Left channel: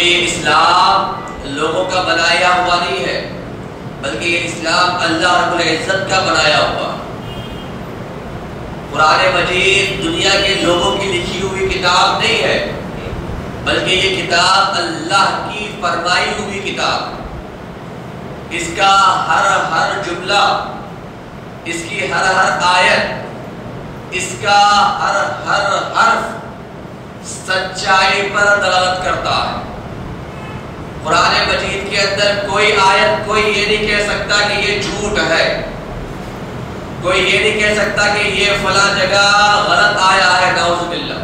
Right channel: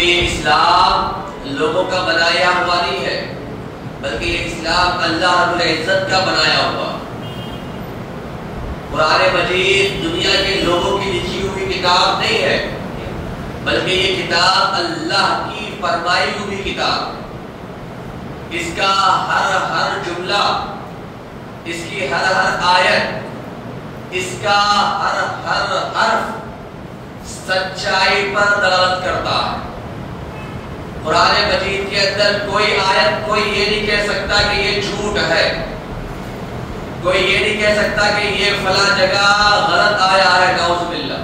بلکہ یہ اسلام لوگوں کا بنایا ہوا نہیں ہے، بلکہ یہ اسلام اللہ رب العزت کا بنایا ہوا۔ قرآن مجید دنیا کے لوگوں کی لکھی ہوئی کتاب نہیں ہے، بلکہ یہ کتاب اللہ کی فرمائی ہوئی کتاب۔ اس کا ہر جملہ، اس کی ہر آیت، اس کا ہر حرف سچائی پر دلالت کرتا ہے۔ قرآن مجید کے اندر کوئی آیت کوئی یہ نہیں کہہ سکتا کہ یہ جھوٹ ہے، کوئی یہ نہیں کہہ سکتا کہ یہ فلاں جگہ غلط آیا ہے، نعوذ باللہ۔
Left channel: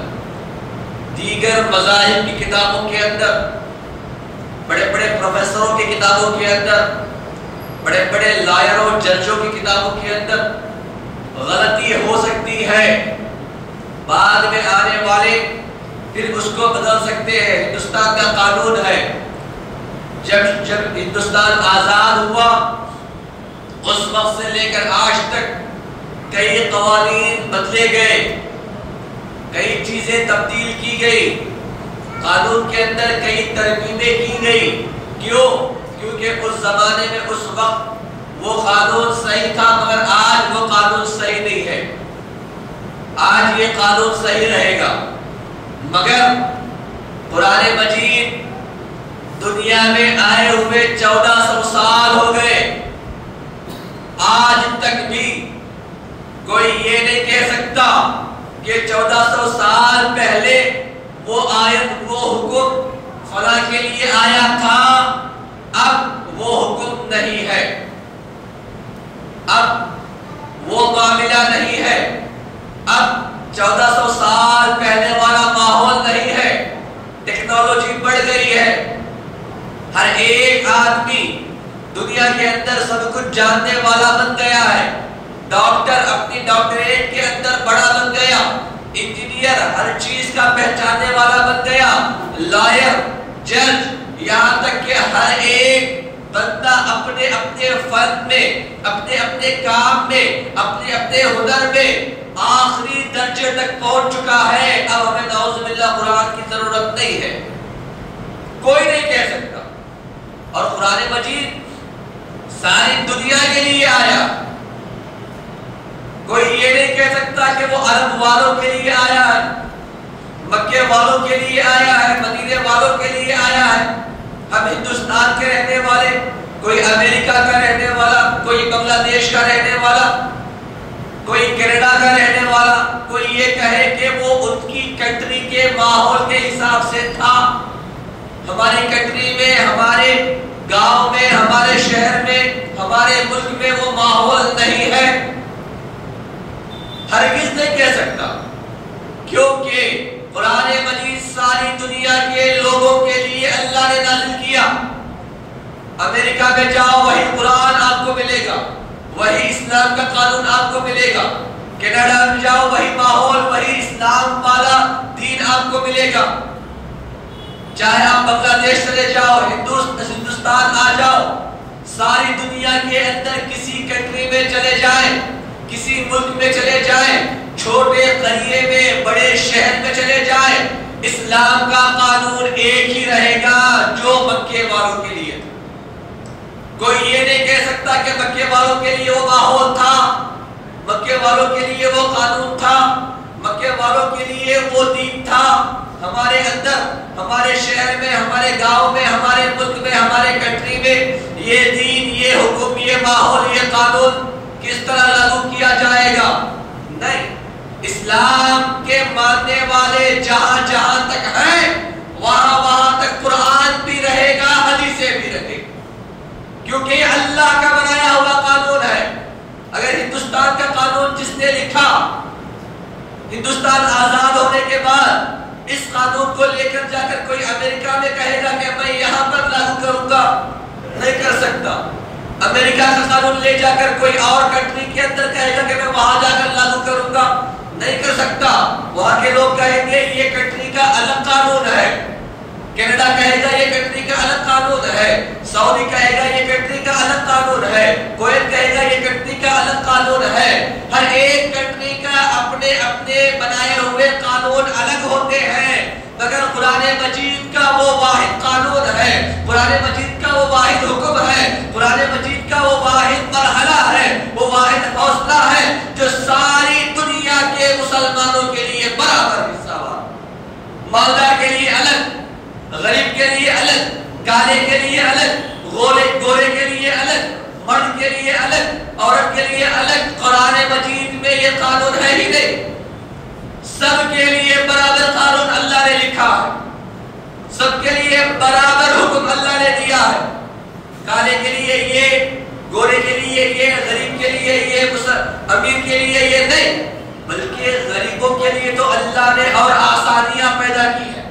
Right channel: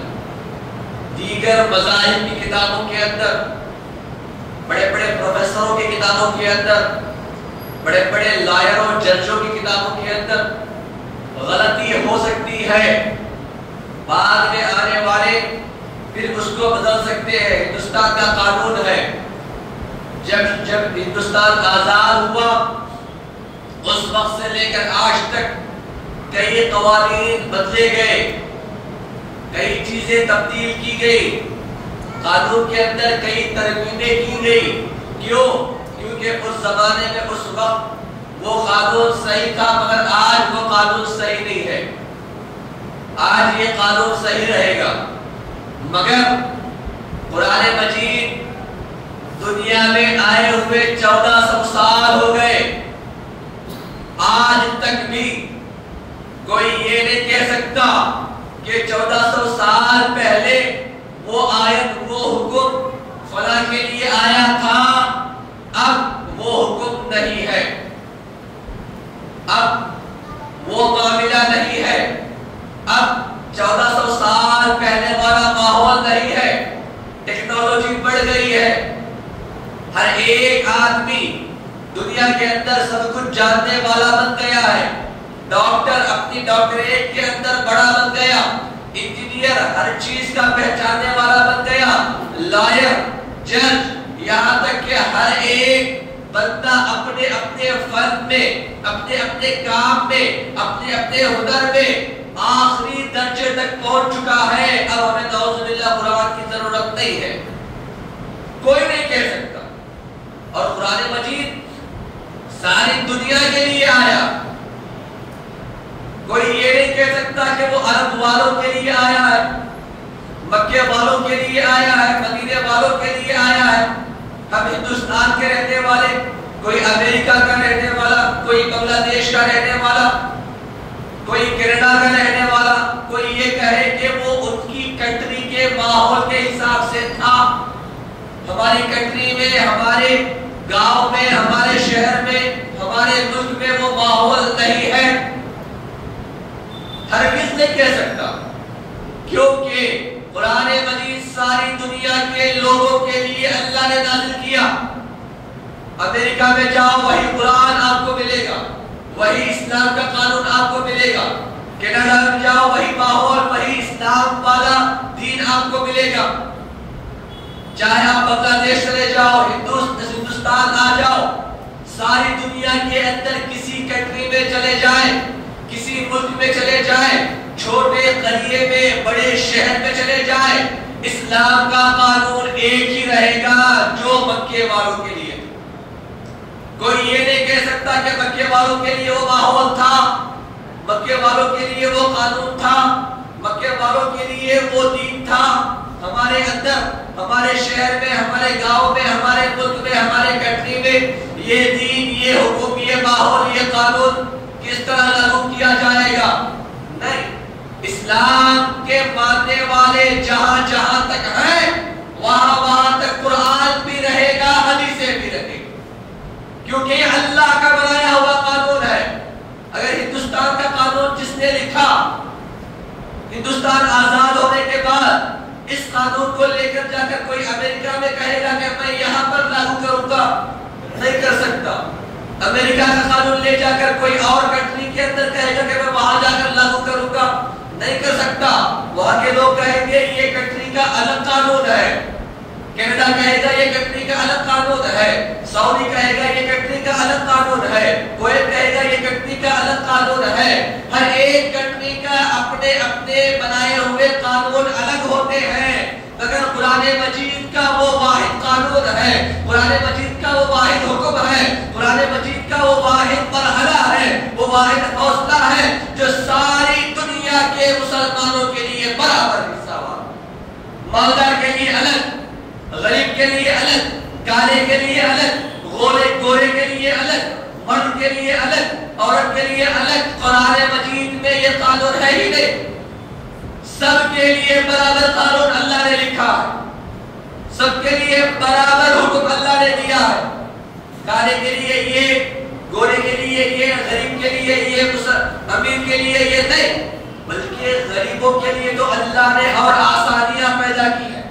دیگر مذاہب کی کتابوں کے اندر، بڑے بڑے پروفیسروں کی کتابوں کے اندر، بڑے بڑے لائروں ججوں کی کتابوں کے اندر غلطی ہو سکتی ہے، بعد میں آنے والے پھر اس کو بدل سکتے ہیں۔ ہندوستان کا قانون ہے، جب ہندوستان آزاد ہوا اس وقت سے لے کر آج تک کئی قوانین بدلے گئے، کئی چیزیں تبدیل کی گئی، قانون کے اندر کئی ترمیمیں کی گئی۔ کیوں؟ کیونکہ اس زمانے میں اس وقت وہ قانون صحیح تھا، مگر آج وہ قانون صحیح نہیں ہے۔ آج یہ قانون صحیح رہے گا، مگر قرآن مجید دنیا میں آئے ہوئے 1400 سال ہو گئے، آج تک بھی کوئی یہ نہیں کہہ سکتا کہ 1400 سال پہلے وہ آیت، وہ حکم فلاں کے لیے آیا تھا، اب وہ حکم نہیں ہے، اب وہ معاملہ نہیں ہے، اب 1400 سال پہلے والا ماحول نہیں ہے۔ ٹیکنالوجی بڑھ گئی ہے، ہر ایک آدمی دنیا کے اندر سب کچھ جاننے والا بن گیا ہے، ڈاکٹر اپنی ڈاکٹریٹ کے اندر بڑا بن گیا، انجینئر ہر چیز کا پہچاننے والا بن گیا، لائر، جج، یہاں تک کہ ہر ایک بندہ اپنے اپنے فن میں، اپنے اپنے کام میں، اپنے اپنے ہنر میں آخری درجے تک پہنچ چکا ہے۔ اب ہمیں نعوذ باللہ قرآن کی ضرورت نہیں ہے، کوئی نہیں کہہ سکتا۔ اور قرآن مجید ساری دنیا کے لیے آیا، کوئی یہ نہیں کہہ سکتا کہ وہ عرب والوں کے لیے آیا ہے، مکے والوں کے لیے آیا ہے، مدینے والوں کے لیے آیا ہے۔ ہم ہندوستان کے رہنے والے، کوئی امریکہ کا رہنے والا، کوئی بنگلہ دیش کا رہنے والا، کوئی کینیڈا کا رہنے والا، کوئی یہ کہے کہ وہ ان کی کنٹری کے ماحول کے حساب سے تھا۔ ہماری کنٹری میں، ہمارے گاؤں میں، ہمارے شہر میں، ہمارے ملک میں وہ ماحول نہیں ہے، ہرگز نہیں کہہ سکتا، کیونکہ قرآن مجید ساری دنیا کے لوگوں کے لیے اللہ نے نازل کیا۔ امریکہ میں جاؤ وہی قرآن آپ کو ملے گا، وہی اسلام کا قانون آپ کو ملے گا، کینیڈا میں جاؤ وہی ماحول، وہی اسلام والا دین آپ کو ملے گا، چاہے آپ بنگلہ دیش چلے جاؤ، ہندوستان آ جاؤ، ساری دنیا کے اندر کسی کنٹری میں چلے جائیں، کسی ملک میں چلے جائیں، چھوٹے قریے میں، بڑے شہر میں چلے جائیں، اسلام کا قانون ایک ہی رہے گا جو مکے والوں کے لیے۔ کوئی یہ نہیں کہہ سکتا کہ مکے والوں کے لیے وہ ماحول تھا، مکے والوں کے لیے وہ قانون تھا، مکے والوں کے لیے وہ دین تھا۔ ہمارے اندر، ہمارے شہر میں، ہمارے گاؤں میں، ہمارے ملک میں، ہمارے کنٹری میں یہ دین، یہ حکم، یہ ماحول، یہ قانون کس طرح لاگو کیا جائے گا؟ نہیں، اسلام کے ماننے والے جہاں جہاں تک ہیں وہاں وہاں تک قرآن بھی رہے گا، حدیثیں بھی رہے گی، کیونکہ یہ اللہ کا بنایا ہوا قانون ہے۔ اگر ہندوستان کا قانون جس نے لکھا، ہندوستان آزاد ہونے کے بعد اس قانون کو لے کر جا کر کوئی امریکہ میں کہے گا کہ میں یہاں پر لاگو کروں گا، نہیں کر سکتا۔ امریکہ کا قانون لے جا کر کوئی اور کنٹری کے اندر کہے گا کہ میں وہاں جا کر لاگو کروں گا، نہیں کر سکتا۔ وہاں کے لوگ کہیں گے یہ کنٹری کا الگ قانون ہے، کینیڈا کہے گا یہ کنٹری کا الگ قانون ہے، سعودی کہے گا یہ کنٹری کا الگ قانون ہے، کویت کہے گا یہ کنٹری کا الگ قانون ہے۔ ہر ایک کنٹری کا اپنے اپنے بنائے ہوئے قانون الگ ہوتے ہیں، مگر قرآن مجید کا وہ واحد قانون مجید کا وہ واحد حکم ہے، قرآن مجید کا وہ واحد مرحلہ ہے، وہ واحد حوصلہ ہے جو ساری دنیا کے مسلمانوں کے لیے برابر حصہ وار، مالدار کے لیے الگ، غریب کے لیے الگ، کالے کے لیے الگ، گورے کے لیے الگ، مرد کے لیے الگ، عورت کے لیے الگ۔ قرآن مجید میں یہ قانون ہے ہی نہیں، سب کے لیے برابر قانون اللہ نے لکھا ہے، سب کے لیے برابر حکم اللہ نے دیا ہے۔ کالے کے لیے یہ، گورے کے لیے یہ، غریب کے لیے یہ، امیر کے لیے یہ نہیں، بلکہ غریبوں کے لیے تو اللہ نے اور آسانیاں پیدا کی ہیں۔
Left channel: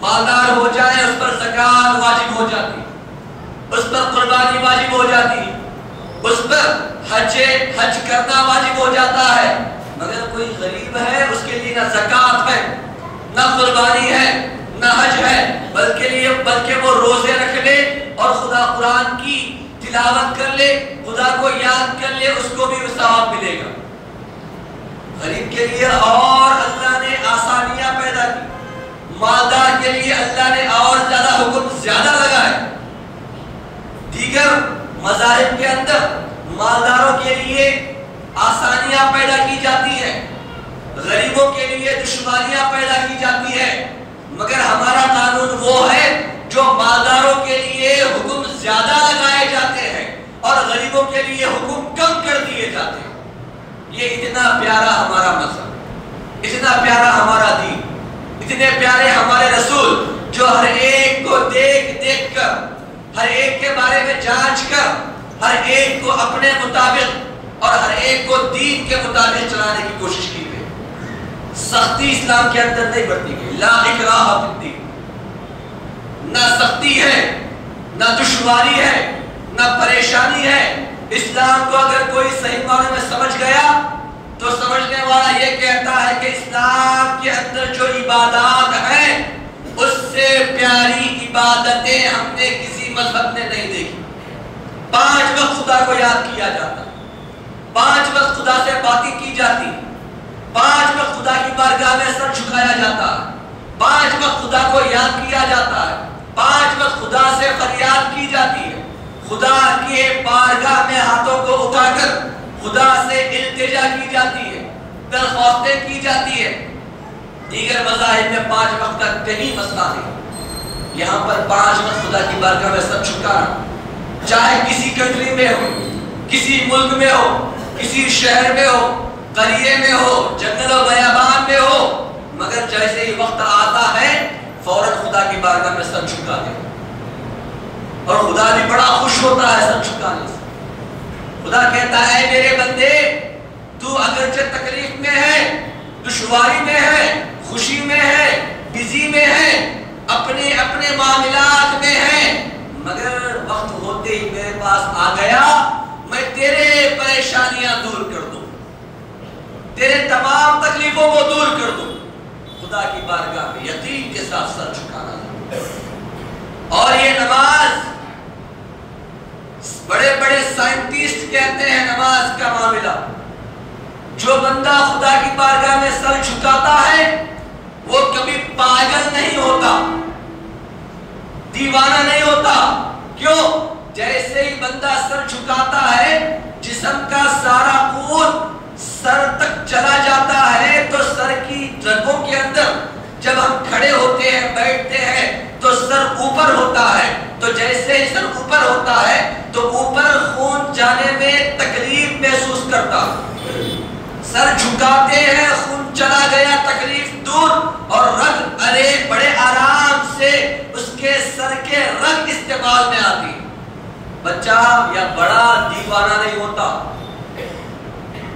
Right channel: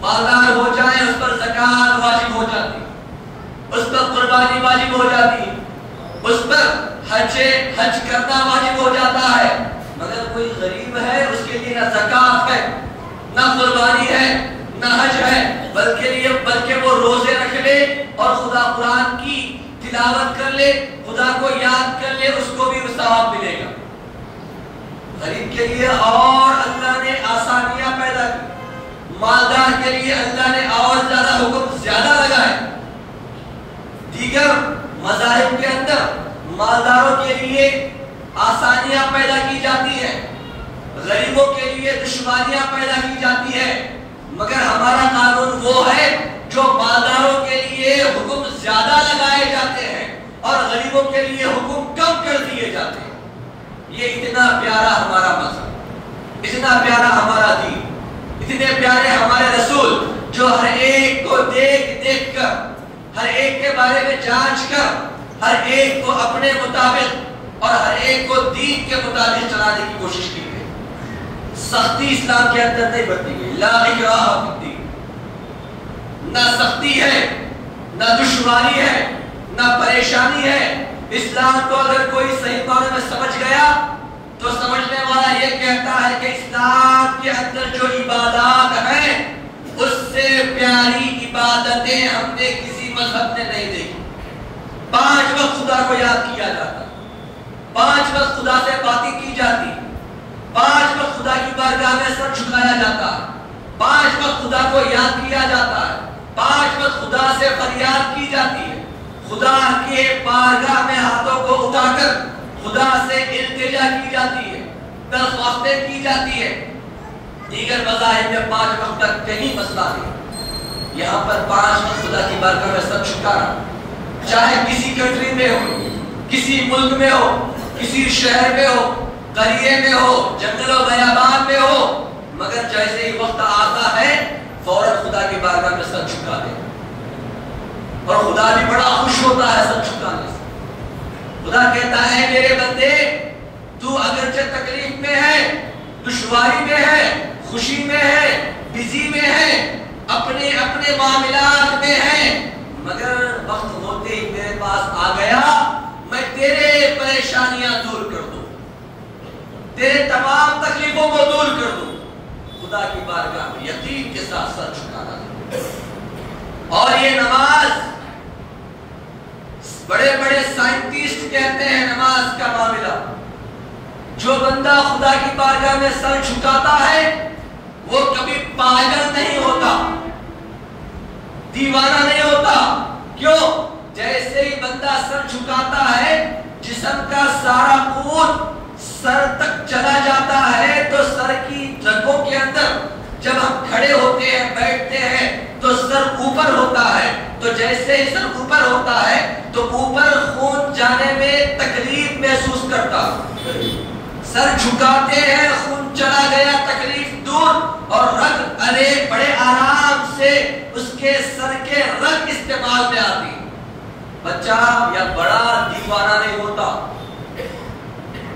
مالدار ہو جائے اس پر زکات واجب ہو جاتی، اس پر قربانی واجب ہو جاتی، اس پر حج کرنا واجب ہو جاتا ہے، مگر کوئی غریب ہے اس کے لیے نہ زکات ہے، نہ قربانی ہے، نہ حج ہے، بلکہ وہ روزے رکھ لے اور خدا قرآن کی تلاوت کر لے، خدا کو یاد کر لے، اس کو بھی ثواب ملے گا۔ غریب کے لیے اور اللہ نے آسانیاں پیدا کی، مالدار کے لیے اللہ نے اور زیادہ حکم زیادہ لگائے۔ دیگر مذاہب کے اندر مالداروں کے لیے آسانیاں پیدا کی جاتی ہیں، غریبوں کے لیے دشواریاں پیدا کی جاتی ہیں، مگر ہمارا قانون وہ ہے جو مالداروں کے لیے حکم زیادہ لگائے جاتے ہیں اور غریبوں کے لیے حکم کم کر دیے جاتے ہیں۔ یہ اتنا پیارا ہمارا مذہب، اتنا پیارا ہمارا دین، اتنے پیارے ہمارے رسول جو ہر ایک کو دیکھ کر، ہر ایک کے بارے میں جانچ کر، ہر ایک کو اپنے مطابق اور ہر ایک کو دین کے مطابق چلانے کی کوشش کی گئی۔ سختی اسلام کے اندر نہیں برتی گئی، لا اکراہ فی الدین، نہ سختی ہے، نہ دشواری ہے، نہ پریشانی ہے۔ اسلام کو اگر کوئی صحیح معنی میں سمجھ گیا تو سمجھنے والا یہ کہتا ہے کہ اسلام کے اندر جو عبادات ہیں اس سے پیاری عبادتیں ہم نے کسی مذہب نے نہیں دیکھی۔ 5 وقت خدا کو یاد کیا جاتا، 5 وقت خدا سے باتیں کی جاتی، 5 وقت خدا کی بارگاہ میں سر جھکایا جاتا ہے، 5 وقت خدا کو یاد کیا جاتا ہے، 5 وقت خدا سے فریاد کی جاتی ہے، خدا کے بارگاہ میں ہاتھوں کو اٹھا کر خدا سے التجا کی جاتی ہے، درخواستیں کی جاتی ہے۔ دیگر مذاہب میں 5 وقت تک کہیں مسئلہ نہیں، یہاں پر 5 وقت خدا کی بارگاہ میں سر جھکانا، چاہے کسی کنٹری میں ہو، کسی ملک میں ہو، کسی شہر میں ہو، قریے میں ہو، جنگل و بیابان میں ہو، مگر جیسے ہی وقت آتا ہے فوراً خدا کی بارگاہ میں سر جھکا دے، اور خدا بھی بڑا خوش ہوتا ہے سر جھکانے سے۔ خدا کہتا ہے میرے بندے تو اگرچہ تکلیف میں ہے، دشواری میں ہے، خوشی میں ہے، بزی میں ہے، اپنے اپنے معاملات میں ہے، مگر وقت ہوتے ہی میرے پاس آ گیا، میں تیرے پریشانیاں دور کر دوں، تیرے تمام تکلیفوں کو دور کر دوں۔ خدا کی بارگاہ میں یقین کے ساتھ سر جھکانا۔ اور یہ نماز، بڑے بڑے سائنٹسٹ کہتے ہیں نماز کا معاملہ، جو بندہ خدا کی بارگاہ میں سر جھکاتا ہے وہ کبھی پاگل نہیں ہوتا، دیوانہ نہیں ہوتا۔ کیوں؟ جیسے ہی بندہ سر جھکاتا ہے جسم کا سارا خون سر تک چلا جاتا ہے، تو سر کی رگوں کے اندر جب ہم کھڑے ہوتے ہیں، بیٹھتے ہیں تو سر اوپر ہوتا ہے، تو جیسے ہی سر اوپر ہوتا ہے تو اوپر خون جانے میں تکلیف محسوس کرتا ہے، سر جھکاتے ہیں خون چلا گیا، تکلیف دور، اور رگ ارے بڑے آرام سے اس کے سر کے رگ استعمال میں آتی۔ بچہ یا بڑا دیوانہ نہیں ہوتا،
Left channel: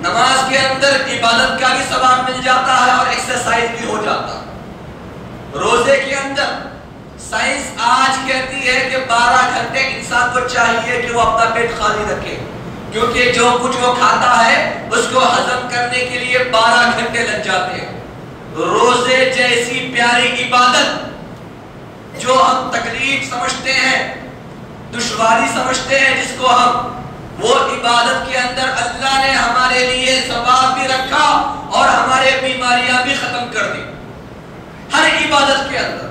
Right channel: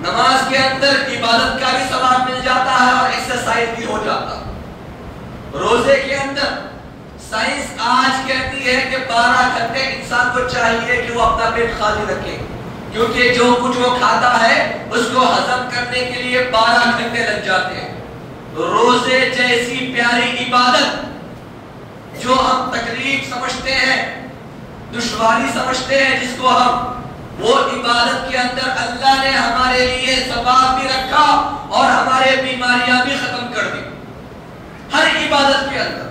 نماز کے اندر عبادت کا بھی ثواب مل جاتا ہے اور ایکسرسائز بھی ہو جاتا ہے۔ روزے کے اندر سائنس آج کہتی ہے کہ 12 گھنٹے انسان کو چاہیے کہ وہ اپنا پیٹ خالی رکھے، کیونکہ جو کچھ وہ کھاتا ہے اس کو ہضم کرنے کے لیے 12 گھنٹے لگ جاتے ہیں۔ روزے جیسی پیاری عبادت جو ہم تکلیف سمجھتے ہیں، دشواری سمجھتے ہیں جس کو ہم، وہ عبادت کے اندر اللہ نے ہمارے لیے ثواب بھی رکھا اور ہمارے بیماریاں بھی ختم کر دی۔ ہر عبادت کے اندر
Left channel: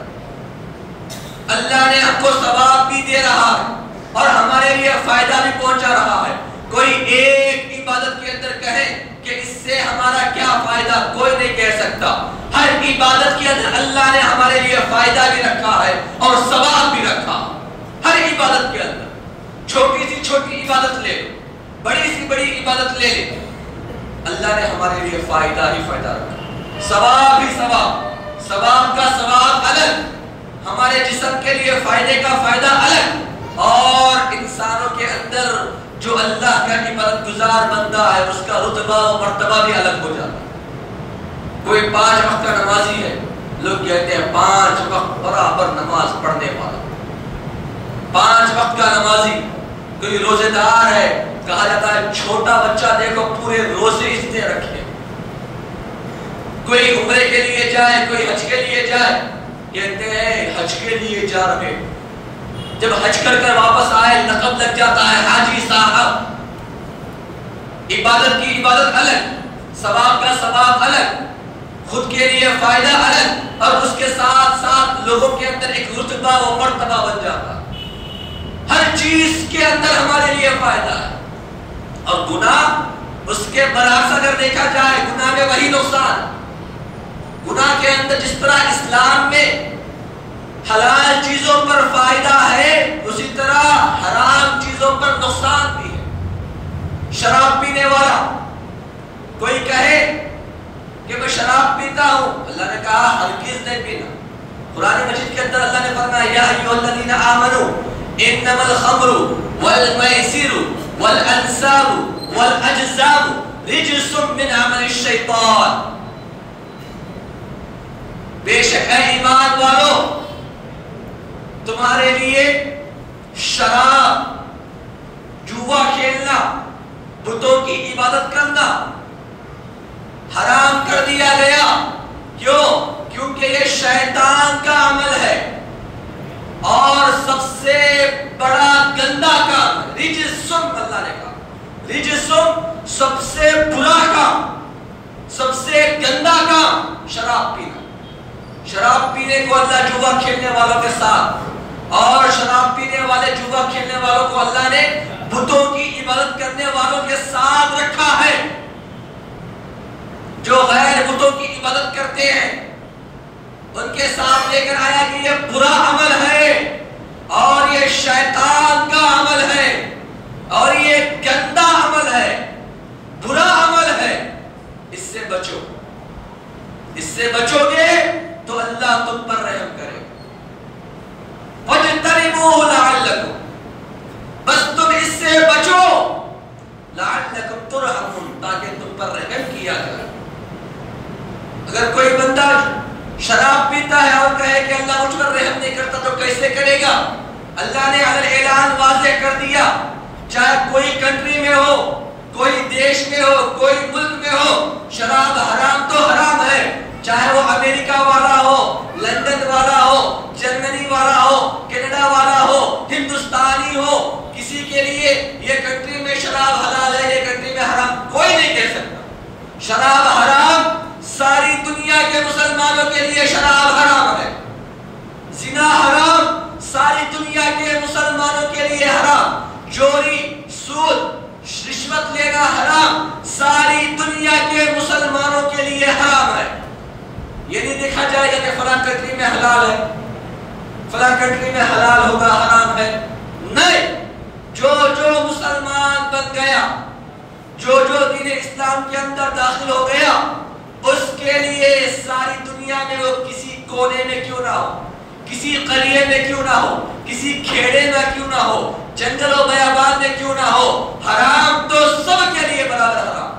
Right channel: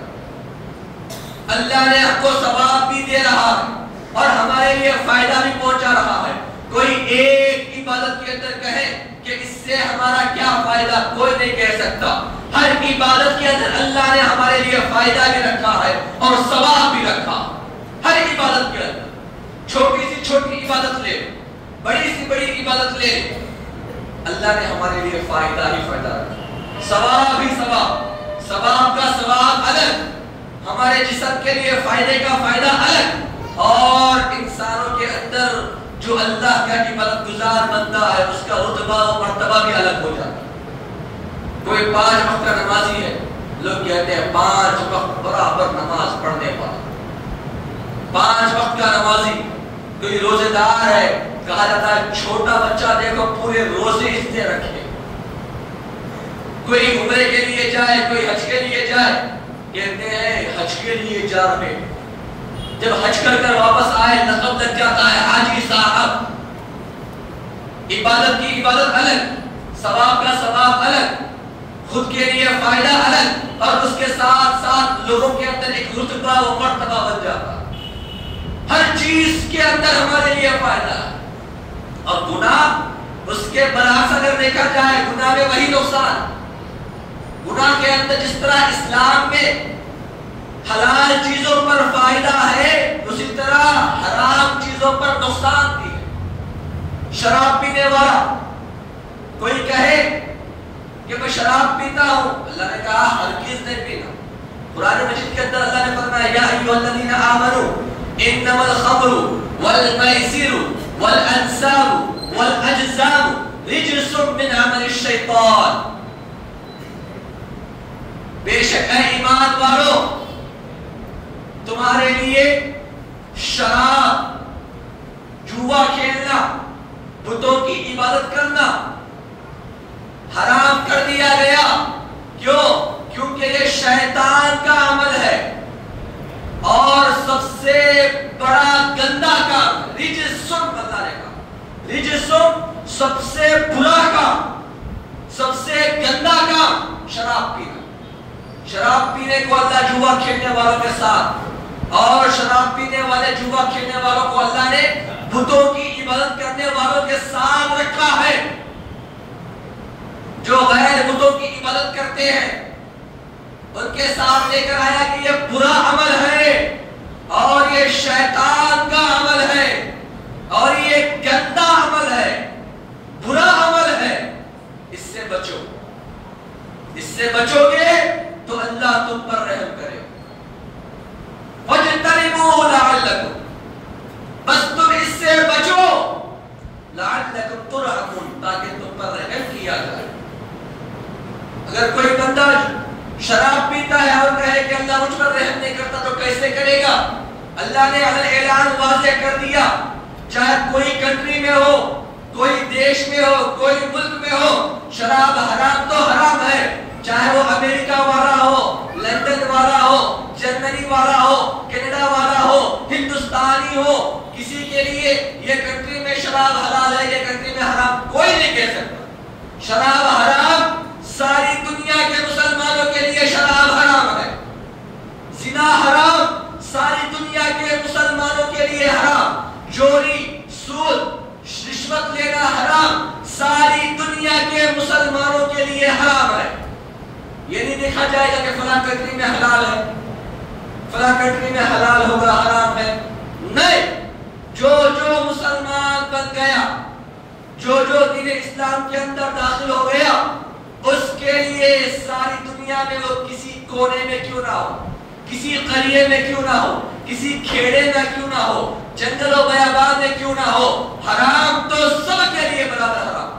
اللہ نے ہم کو ثواب بھی دے رہا ہے اور ہمارے لیے فائدہ بھی پہنچا رہا ہے. کوئی ایک عبادت کے اندر کہے کہ اس سے ہمارا کیا فائدہ، کوئی نہیں کہہ سکتا. ہر عبادت کے اندر اللہ نے ہمارے لیے فائدہ بھی رکھا ہے اور ثواب بھی رکھا. ہر عبادت کے اندر چھوٹی سی چھوٹی عبادت لے، بڑی سی بڑی عبادت لے، اللہ نے ہمارے لیے فائدہ ہی فائدہ رکھا، ثواب ہی ثواب. ثواب کا ثواب الگ، ہمارے جسم کے لیے فائدے کا فائدہ الگ، اور انسانوں کے اندر جو اللہ کا عبادت گزار بندہ ہے اس کا رتبہ و مرتبہ بھی الگ ہو جاتا ہے. کوئی 5 وقت کا نمازی ہے، لوگ کہتے ہیں 5 وقت برابر نماز پڑھنے والا. 5 وقت کا نمازی. کوئی روزے دار ہے، کہا جاتا ہے چھوٹا بچہ دیکھو پورے روزے اس نے رکھے. کوئی عمرے کے لیے جائے، کوئی حج کے لیے جائے، کہتے ہیں حج کے لیے جا رہے، جب حج کر کر واپس آئے لقب لگ جاتا ہے حاجی صاحب. عبادت کی عبادت الگ، ثواب کا ثواب الگ، خود کے لیے فائدہ الگ، اور اس کے ساتھ ساتھ لوگوں کے اندر ایک رتبہ و مرتبہ بن جاتا ہے. ہر چیز کے اندر ہمارے لیے فائدہ ہے. اور گناہ اس کے برعکس اگر دیکھا جائے، گناہ میں وہی نقصان. گناہ کے اندر جس طرح اسلام میں حلال چیزوں پر فائدہ ہے، اسی طرح حرام چیزوں پر نقصان بھی ہے. شراب پینے والا کوئی کہے کہ میں شراب پیتا ہوں، اللہ نے کہا ہرگز نہیں پینا. قرآن مجید کے اندر اللہ نے فرمایا یا ایھا الذین آمنوا انما الخمر والمیسر والانصاب والاجزام رجس من عمل الشیطان. بے شک اے ایمان والو، تمہارے لیے شراب، جوا کھیلنا، بتوں کی عبادت کرنا حرام کر دیا گیا. کیوں؟ کیونکہ یہ شیطان کا عمل ہے اور سب سے بڑا گندا کام. رجسم، اللہ نے کہا رجسم، سب سے برا کام، سب سے گندا کام شراب پینا. شراب پینے کو اللہ جوا کھیلنے والوں کے ساتھ، اور شراب پینے والے جوا کھیلنے والوں کو اللہ نے بتوں کی عبادت کرنے والوں کے ساتھ رکھا ہے. جو غیر بتوں کی عبادت کرتے ہیں ان کے ساتھ لے کر آیا کہ یہ برا عمل ہے اور یہ شیطان کا عمل ہے اور یہ گندا عمل ہے، برا عمل ہے. اس سے بچو، اس سے بچو گے تو اللہ تم پر رحم کرے. فَاجْتَنِبُوهُ لَعَلَّكُمْ، بس تم اس سے بچو، لَعَلَّكُمْ تُرْحَمُونَ، تاکہ تم پر رحم کیا جائے. اگر کوئی بندہ شراب پیتا ہے اور کہے کہ اللہ مجھ پر رحم نہیں کرتا تو کیسے کرے گا؟ اللہ نے اعلان واضح کر دیا، چاہے کوئی کنٹری میں ہو، کوئی دیش میں ہو، کوئی ملک میں ہو، شراب حرام تو حرام ہے. چاہے وہ امریکہ والا ہو، لندن والا ہو، جرمنی والا ہو، کینیڈا والا ہو، ہندوستانی ہو، کسی کے لیے یہ کنٹری میں شراب حلال ہے، یہ کنٹری میں حرام، کوئی نہیں کہہ سکتا. شراب حرام، ساری دنیا کے مسلمانوں کے لیے شراب حرام ہے. زنا حرام، ساری دنیا کے مسلمانوں کے لیے حرام. چوری، سود، رشوت لینا حرام، ساری دنیا کے مسلمانوں کے لیے حرام ہے. یہ نہیں دیکھا جائے گا کہ فلاں کنٹری میں حلال ہے، فلاں کنٹری میں حلال ہوگا حرام ہے. نہیں، جو مسلمان بن گیا، جو دین اسلام کے اندر داخل ہو گیا، اس کے لیے ساری دنیا میں وہ کسی کونے میں کیوں نہ ہو، کسی قریے میں کیوں نہ ہو، کسی کھیڑے میں کیوں نہ ہو، جنگل و بیابان میں کیوں نہ ہو، حرام تو سب کے لیے برابر حرام.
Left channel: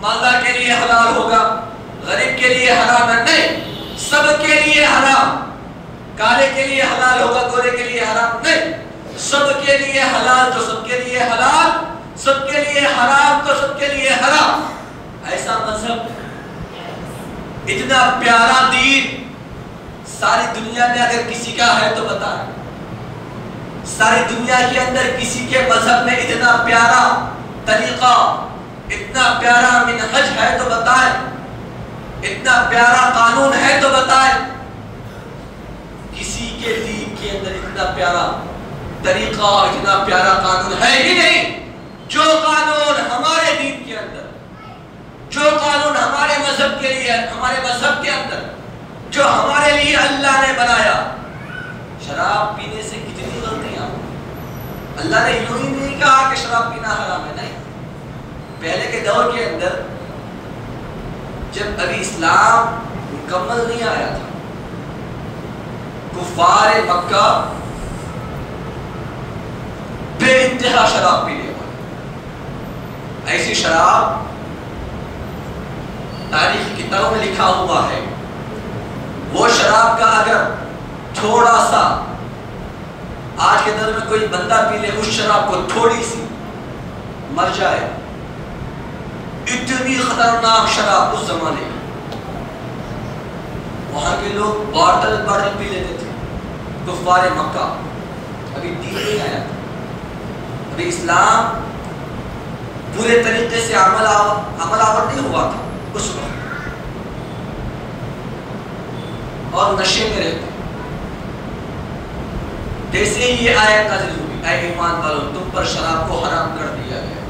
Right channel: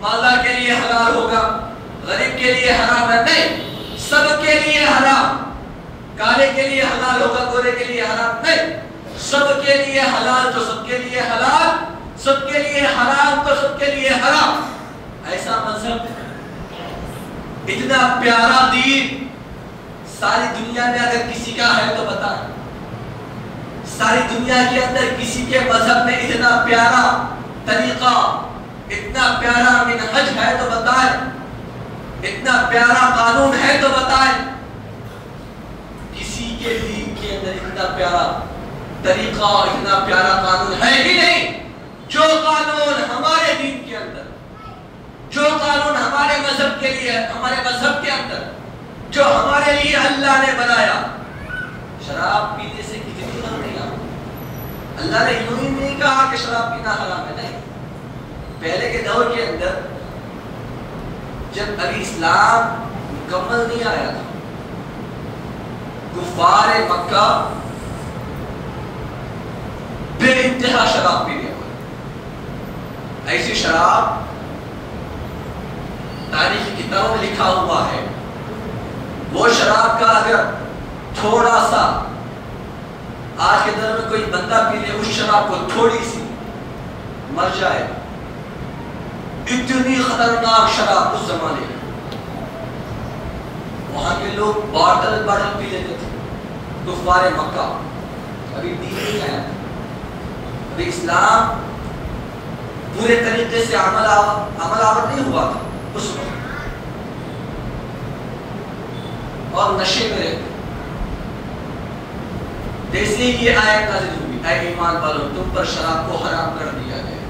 مالدار کے لیے حلال ہوگا، غریب کے لیے حرام ہے نہیں، سب کے لیے حرام. کالے کے لیے حلال ہوگا، گورے کے لیے حرام نہیں، سب کے لیے حلال تو سب کے لیے حلال، سب کے لیے حرام تو سب کے لیے حرام. ایسا مذہب، اتنا پیارا دین ساری دنیا میں اگر کسی کا ہے تو بتائیں. ساری دنیا کے اندر کسی کے مذہب میں اتنا پیارا طریقہ، اتنا پیارا منہج ہے تو بتائیں، اتنا پیارا قانون ہے تو بتائیں. کسی کے دین کے اتنا پیارا طریقہ، اتنا پیارا قانون ہے ہی نہیں جو قانون ہمارے دین کے اندر، جو قانون ہمارے مذہب کے لیے، ہمارے مذہب کے اندر جو ہمارے لیے اللہ نے بنایا۔ شراب پینے سے کتنی غلطیاں، اللہ نے یوں ہی نہیں کہا کہ شراب پینا حرام ہے، نہیں۔ پہلے کے دور کے اندر جب ابھی اسلام مکمل نہیں آیا تھا، کفار مکہ بے انتہا شراب پینے والے، ایسی شراب تاریخ کی کتابوں میں لکھا ہوا ہے، وہ شراب کا اگر تھوڑا سا آج کے دور میں کوئی بندہ پی لے، اس شراب کو تھوڑی سی مر جائے، اتنی خطرناک شراب اس زمانے میں۔ وہاں کے لوگ باٹل باٹل پی لیتے تھے، کفار مکہ، ابھی دین نہیں آیا تھا، ابھی اسلام پورے طریقے سے عمل آور نہیں ہوا تھا اس وقت، اور نشے میں رہتے۔ جیسے ہی یہ آیت نازل ہوئی، اے ایمان والو تم پر شراب کو حرام کر دیا گیا،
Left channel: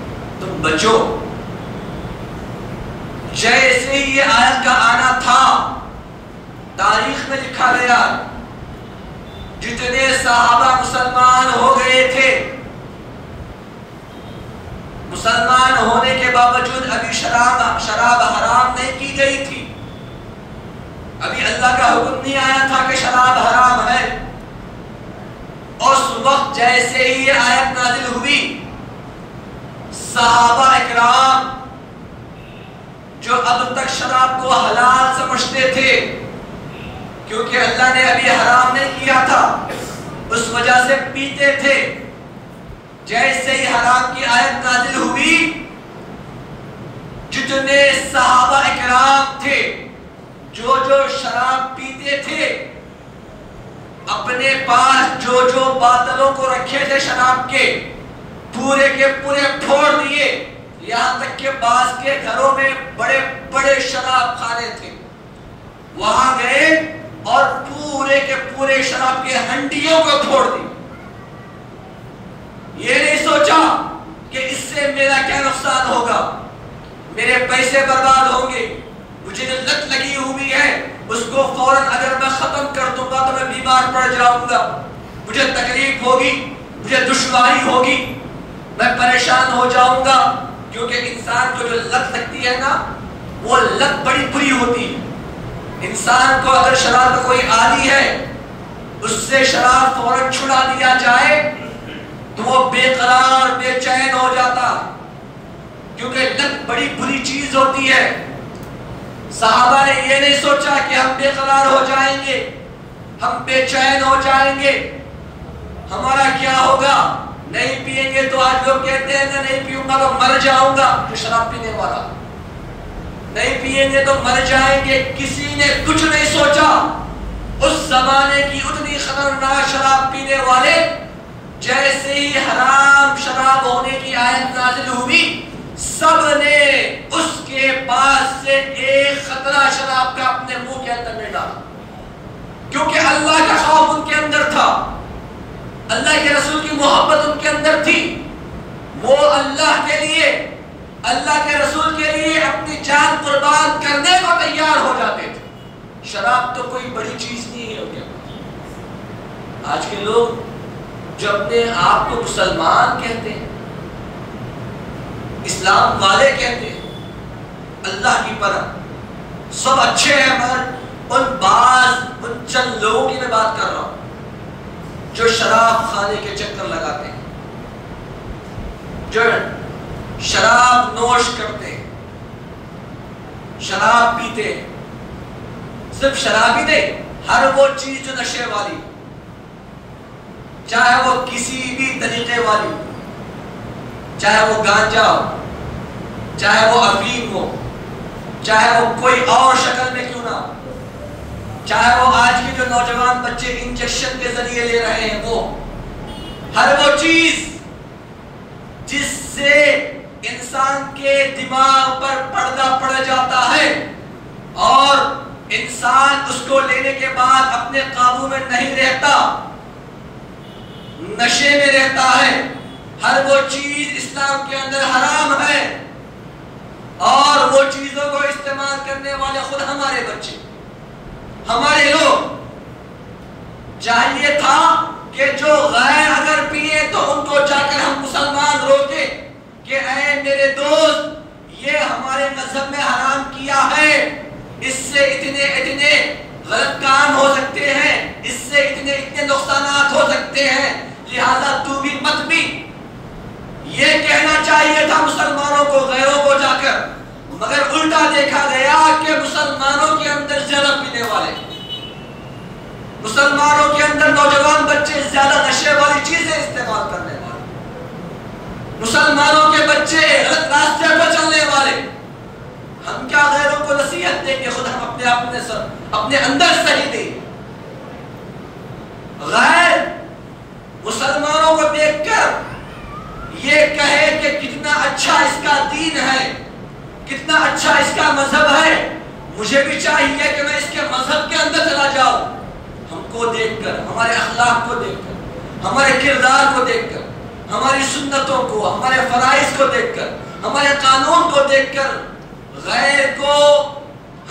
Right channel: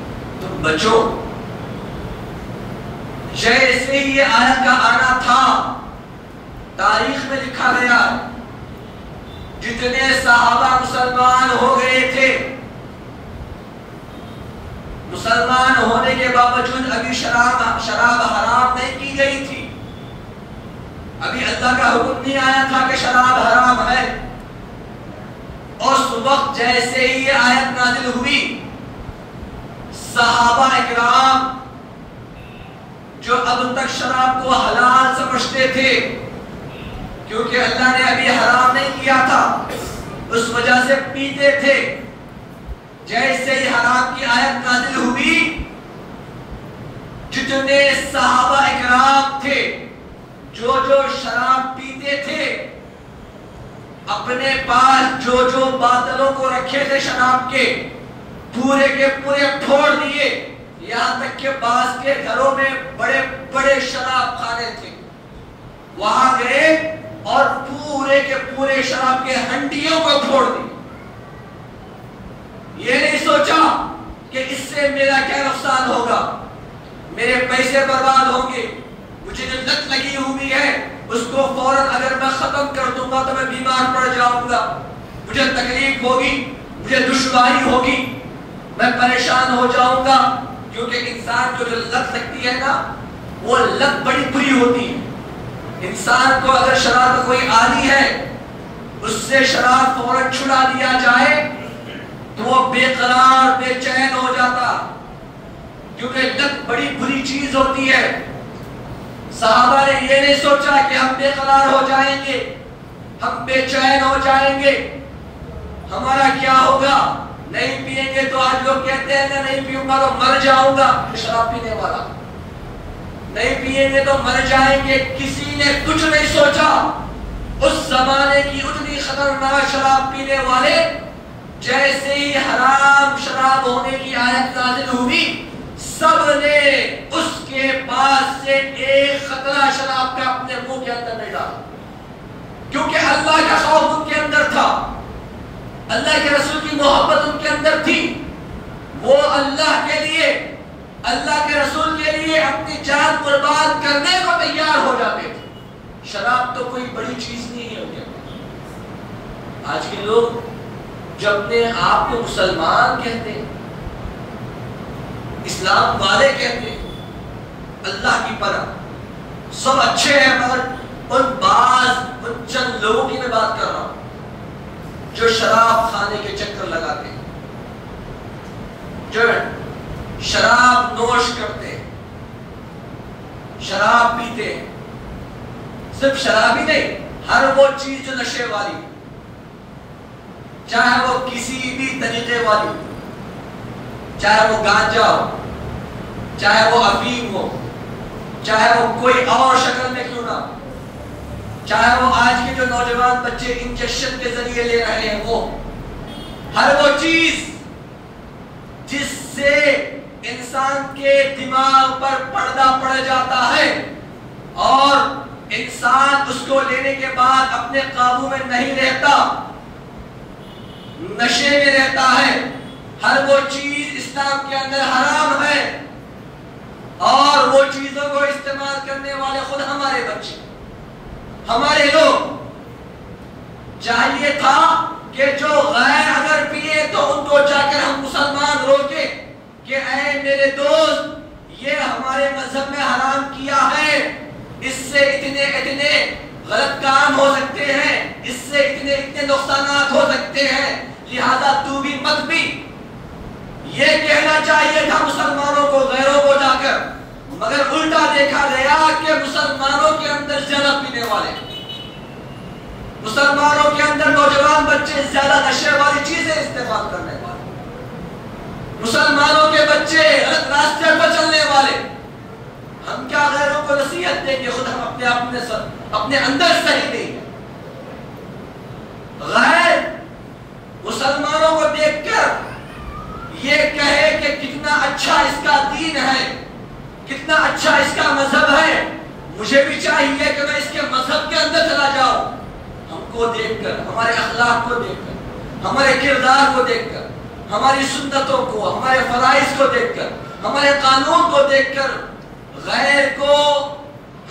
تم بچو۔ جیسے ہی یہ آیت کا آنا تھا، تاریخ میں لکھا گیا جتنے صحابہ مسلمان ہو گئے تھے، مسلمان ہونے کے باوجود ابھی شراب حرام نہیں کی گئی تھی، ابھی اللہ کا حکم نہیں آیا تھا کہ شراب حرام ہے۔ اس وقت جیسے ہی یہ آیت نازل ہوئی، صحابہ اکرام جو اب تک شراب کو حلال سمجھتے تھے، کیونکہ اللہ نے ابھی حرام نہیں کیا تھا، اس وجہ سے پیتے تھے، جیسے ہی حرام کی آیت نازل ہوئی، جتنے صحابہ اکرام تھے جو شراب پیتے تھے، اپنے پاس جو باتلوں کو رکھے تھے شراب کے پورے پھوڑ دیے، یہاں تک کہ بعض کے گھروں میں بڑے بڑے شراب خانے تھے، وہاں گئے اور پورے کے پورے شراب کے ہنڈیوں کو پھوڑ دی۔ یہ نہیں سوچا کہ اس سے میرا کیا نقصان ہوگا، میرے پیسے برباد ہوں گے، مجھے لت لگی ہوئی ہے، اس کو فوراً اگر میں ختم کر دوں گا تو میں بیمار پڑ جاؤں گا، مجھے تکلیف ہوگی، مجھے دشواری ہوگی، میں پریشان ہو جاؤں گا۔ کیونکہ انسان کو جو لت لگتی ہے نا، وہ لت بڑی بری ہوتی ہے۔ انسان کو اگر شراب کا کوئی عادی ہے، اس سے شراب فوراً چھڑا دیا جائے تو وہ بے قرار بے چین ہو جاتا، کیونکہ لت بڑی بری چیز ہوتی ہے۔ صحابہ نے یہ نہیں سوچا کہ ہم بے قرار ہو جائیں گے، ہم بے چین ہو جائیں گے، ہمارا کیا ہوگا، نہیں پیئیں گے تو آج لوگ کہتے ہیں کہ نہیں پیوں گا تو مر جاؤں گا، شراب پینے والا نہیں پیئیں گے تو مر جائیں گے۔ کسی نے کچھ نہیں سوچا، اس زمانے کی اتنی خطرناک شراب پینے والے، جیسے ہی حرام شراب ہونے کی آیت نازل ہوئی، سب نے اس کے پاس سے ایک قطرہ شراب کا اپنے منہ کے اندر نہیں ڈالا، کیونکہ اللہ کا خوف ان کے اندر تھا، اللہ کے رسول کی محبت ان کے اندر تھی، وہ اللہ کے لیے، اللہ کے رسول کے لیے اپنی جان قربان کرنے کو تیار ہو جاتے تھے۔ شراب تو کوئی بڑی چیز نہیں ہے کیا؟ آج کے لوگ جو اپنے آپ کو مسلمان کہتے ہیں، اسلام والے کہتے ہیں، اللہ کی پناہ سب اچھے ہیں، مگر ان چند لوگوں کی میں بات کر رہا ہوں جو شراب خانے کے چکر لگاتے ہیں، جو شراب نوش کرتے ہیں، شراب پیتے ہیں۔ صرف شراب ہی نہیں، ہر وہ چیز جو نشے والی، چاہے وہ کسی بھی طریقے والی، چاہے وہ گانجا ہو، چاہے وہ افیم ہو، چاہے وہ کوئی اور شکل میں کیوں نہ ہو، چاہے وہ آج کے جو نوجوان بچے انجیکشن کے ذریعے لے رہے ہیں، وہ ہر وہ چیز جس سے انسان کے دماغ پر پردہ پڑ جاتا ہے اور انسان اس کو لینے کے بعد اپنے قابو میں نہیں رہتا، نشے میں رہتا ہے، ہر وہ چیز اسلام کے اندر حرام ہے، اور وہ چیزوں کو استعمال کرنے والے خود ہمارے بچے، ہمارے لوگ۔ چاہیے تھا کہ جو غیر اگر پیے تو ان کو جا کر ہم مسلمان روکے کہ اے میرے دوست، یہ ہمارے مذہب میں حرام کیا ہے، اس سے اتنے اتنے غلط کام ہو سکتے ہیں، اس سے اتنے اتنے نقصانات ہو سکتے ہیں، لہذا تو بھی مت بھی۔ یہ کہنا چاہیے تھا مسلمانوں کو، غیروں کو جا کر، مگر الٹا دیکھا گیا کہ مسلمانوں کے اندر زیادہ پینے والے، مسلمانوں کے اندر نوجوان بچے زیادہ نشے والی چیزیں استعمال کرنے والے، مسلمانوں کے بچے غلط راستے پر چلنے والے۔ ہم کیا غیروں کو نصیحت دیں کہ خود ہم اپنے اندر صحیح نہیں۔ غیر مسلمانوں کو دیکھ کر یہ کہے کہ کتنا اچھا اس کا دین ہے، کتنا اچھا اس کا مذہب ہے، مجھے بھی چاہیے کہ میں اس کے مذہب کے اندر چلا جاؤں۔ ہم کو دیکھ کر، ہمارے اخلاق کو دیکھ کر، ہمارے کردار کو دیکھ کر، ہماری سنتوں کو، ہمارے فرائض کو دیکھ کر، ہمارے قانون کو دیکھ کر غیر کو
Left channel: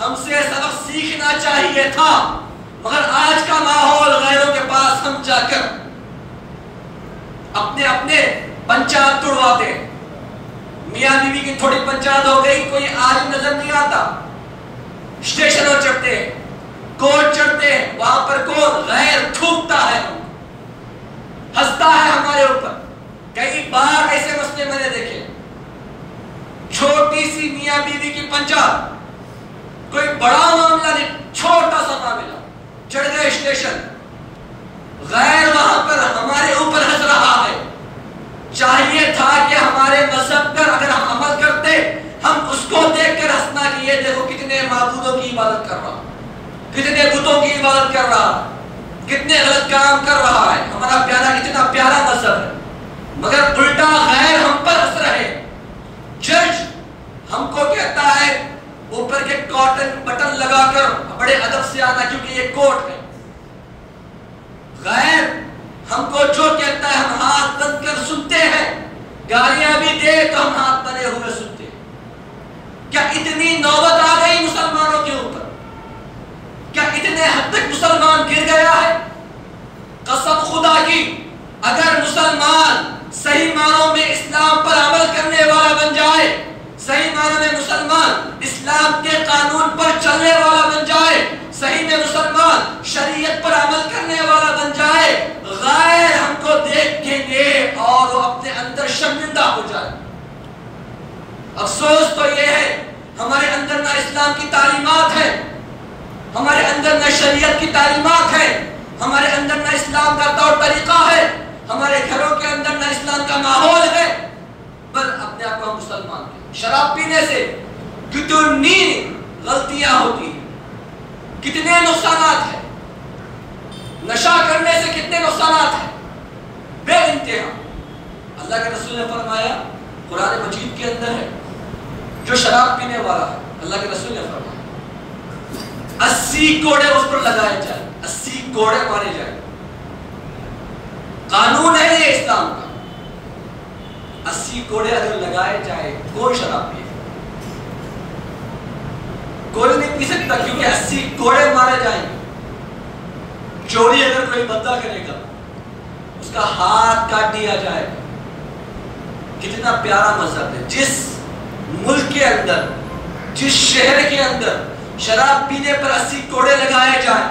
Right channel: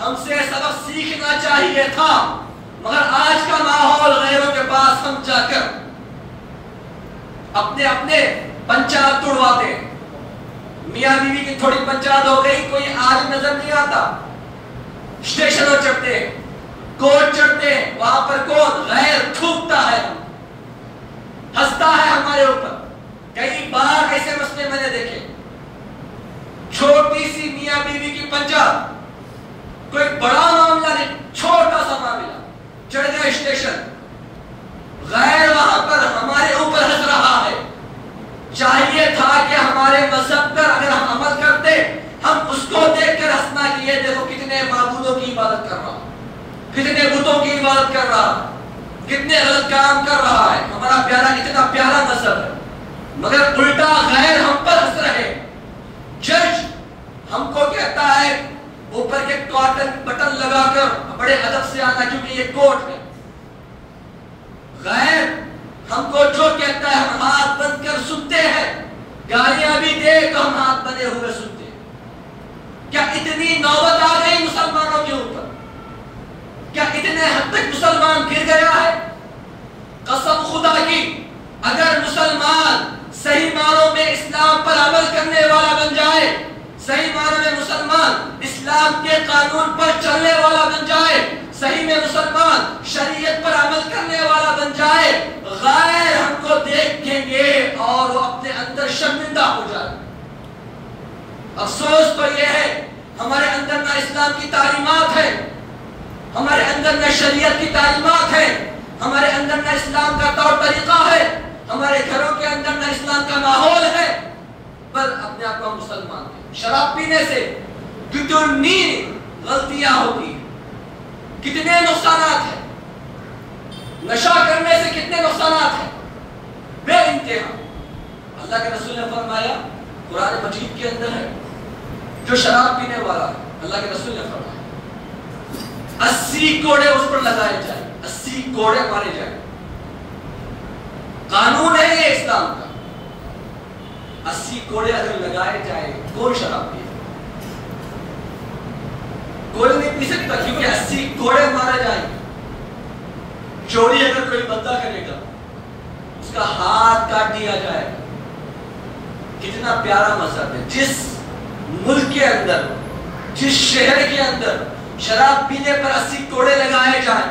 ہم سے سبق سیکھنا چاہیے تھا، مگر آج کا ماحول غیروں کے پاس ہم جا کر اپنے پنچایت توڑواتے ہیں۔ میاں بیوی کی تھوڑی پنچایت ہو گئی، کوئی عالم نظر نہیں آتا، اسٹیشنوں چڑھتے ہیں، کوٹ چڑھتے ہیں، وہاں پر کون غیر تھوکتا ہے، ہنستا ہے ہمارے اوپر۔ کئی بار ایسے مسئلے میں نے دیکھے، چھوٹی سی میاں بیوی کی پنچایت، کوئی بڑا معاملہ نہیں، چھوٹا سا معاملہ، چڑھ گئے اسٹیشن، غیر وہاں پر ہمارے اوپر ہنس رہا ہے۔ چاہیے تھا کہ ہمارے مذہب پر اگر ہم عمل کرتے، ہم اس کو دیکھ کر ہنسنا کہ یہ دیکھو کتنے معبودوں کی عبادت کر رہا، کتنے بتوں کی عبادت کر رہا، کتنے غلط کام کر رہا ہے، ہمارا پیارا اتنا پیارا مذہب ہے، مگر الٹا غیر ہم پر ہنس رہے۔ جج ہم کو کہتا ہے اوپر کے کاٹن بٹن لگا کر بڑے ادب سے آنا کیونکہ یہ کوٹ ہے۔ غیر ہم کو جو کہتا ہے ہم ہاتھ بند کر سنتے ہیں، گالیاں بھی دے تو ہم ہاتھ بندے ہوئے سنتے ہیں۔ کیا اتنی نوبت آ گئی مسلمانوں کے اوپر؟ کیا اتنے حد تک مسلمان گر گیا ہے؟ قسم خدا کی، اگر مسلمان صحیح معنوں میں اسلام پر عمل کرنے والا بن جائے، صحیح معنوں میں مسلمان اسلام کے قانون پر چلنے والا بن جائے، صحیح میں مسلمان شریعت پر عمل کرنے والا بن جائے، غیر ہم کو دیکھیں گے اور وہ اپنے اندر شرمندہ ہو جائے۔ افسوس تو یہ ہے ہمارے اندر نہ اسلام کی تعلیمات ہے، ہمارے اندر نہ شریعت کی تعلیمات ہے، ہمارے اندر نہ اسلام کا طور طریقہ ہے، ہمارے گھروں کے اندر نہ اسلام کا ماحول ہے، بل اپنے آپ کو مسلمان ہیں۔ شراب پینے سے کتنی غلطیاں ہوتی ہیں، کتنے نقصانات ہیں، نشہ کرنے سے کتنے نقصانات ہیں بے انتہا۔ اللہ کے رسول نے فرمایا، قرآن مجید کے اندر ہے، جو شراب پینے والا ہے، اللہ کے رسول نے فرمایا 80 کوڑے اس پر لگائے جائیں، 80 کوڑے مارے جائیں۔ قانون ہے یہ اسلام کا، 80 کوڑے اگر لگائے جائے، کوئی شراب پیے، کوئی نہیں پی سکتا کیونکہ 80 کوڑے مارے جائیں۔ چوری اگر کوئی بندہ کرے گا، اس کا ہاتھ کاٹ دیا جائے۔ کتنا پیارا مذہب ہے، جس ملک کے اندر، جس شہر کے اندر شراب پینے پر 80 کوڑے لگائے جائیں،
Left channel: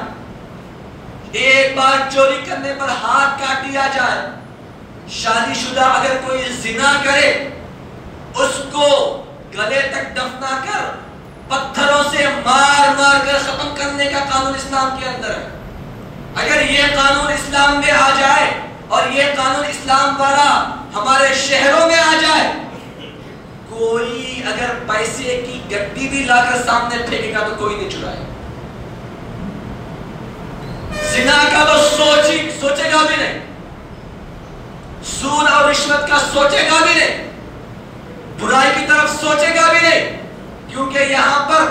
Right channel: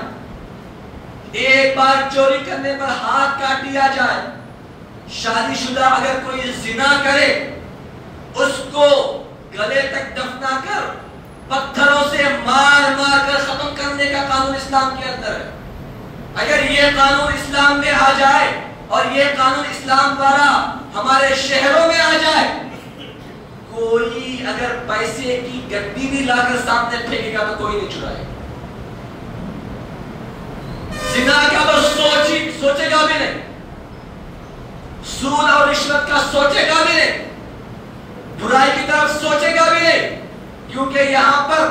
ایک بار چوری کرنے پر ہاتھ کاٹ دیا جائے، شادی شدہ اگر کوئی زنا کرے اس کو گلے تک دفنا کر پتھروں سے مار مار کر ختم کرنے کا قانون اسلام کے اندر ہے۔ اگر یہ قانون اسلام میں آ جائے اور یہ قانون اسلام والا ہمارے شہروں میں آ جائے، کوئی اگر پیسے کی گڈی بھی لا کر سامنے پھینکے گا تو کوئی نہیں چرائے۔ زنا کا وہ سوچے گا بھی نہیں، سود اور رشوت کا سوچے گا بھی نہیں، برائی کی طرف سوچے گا بھی نہیں، کیونکہ یہاں پر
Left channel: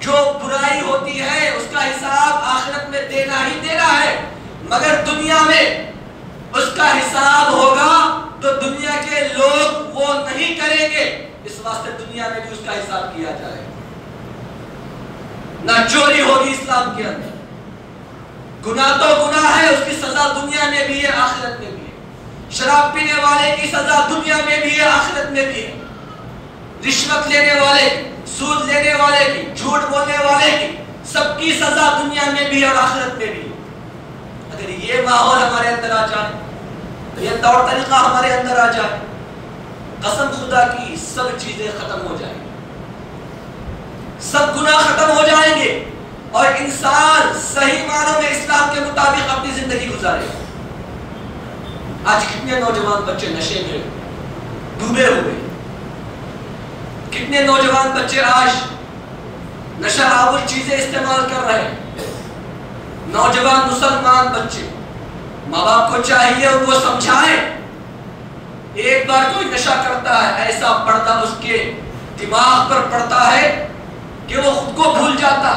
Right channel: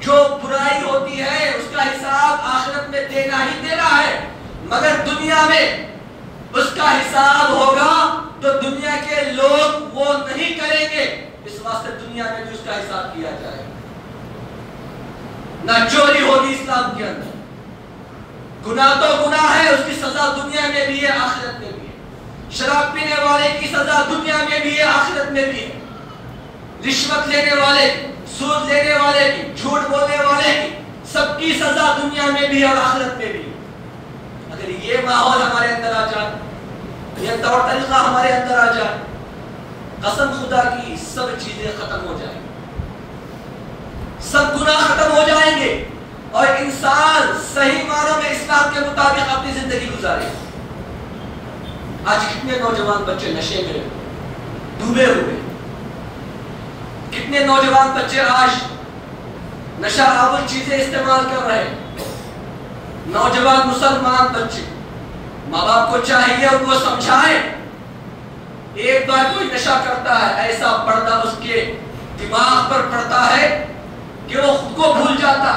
جو برائی ہوتی ہے اس کا حساب آخرت میں دینا ہی دینا ہے، مگر دنیا میں اس کا کنٹرول نہیں کریں گے اس واسطے دنیا میں بھی اس کا حساب کیا جائے گا. نہ چوری ہوگی اسلام کے اندر. گناہ تو گناہ ہے، اس کی سزا دنیا میں بھی ہے آخرت میں بھی ہے. شراب پینے والے کی سزا دنیا میں بھی ہے آخرت میں بھی ہے. رشوت لینے والے کی، سود لینے والے کی، جھوٹ بولنے والے کی، سب کی سزا دنیا میں بھی اور آخرت میں بھی. اگر یہ ماحول ہمارے اندر آ جائے، یہ طور طریقہ ہمارے اندر آ جائے، قسم خدا کی سب چیزیں ختم ہو جائیں گی، سب گناہ ختم ہو جائیں گے اور انسان صحیح معنوں میں اسلام کے مطابق اپنی زندگی گزارے. آج کتنے نوجوان بچے نشے میں ڈوبے ہوئے، کتنے نوجوان بچے آج نشہ آور چیزیں استعمال کر رہے ہیں. نوجوان مسلمان بچے، ماں باپ کو چاہیے ان کو سمجھائیں. ایک بار کوئی نشہ کرتا ہے ایسا پردہ اس کے دماغ پر پڑتا ہے کہ وہ خود کو بھول جاتا.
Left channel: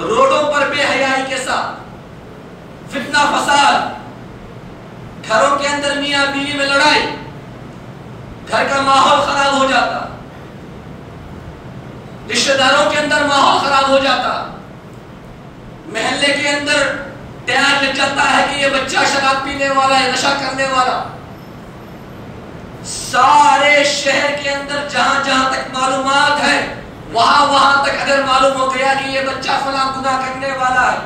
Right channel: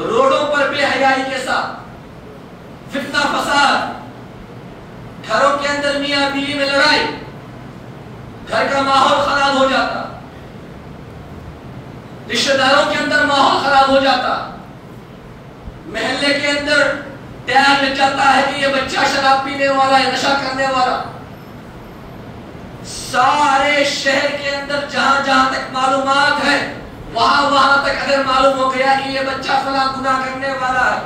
روڈوں پر بے حیائی کے ساتھ فتنہ فساد، گھروں کے اندر میاں بیوی میں لڑائی، گھر کا ماحول خراب ہو جاتا، رشتہ داروں کے اندر ماحول خراب ہو جاتا، محلے کے اندر ٹیگ لگ جاتا ہے کہ یہ بچہ شراب پینے والا ہے، نشہ کرنے والا. سارے شہر کے اندر جہاں جہاں تک معلومات ہے وہاں تک اگر معلوم ہو گیا کہ یہ بچہ فلاں گناہ کرنے والا ہے،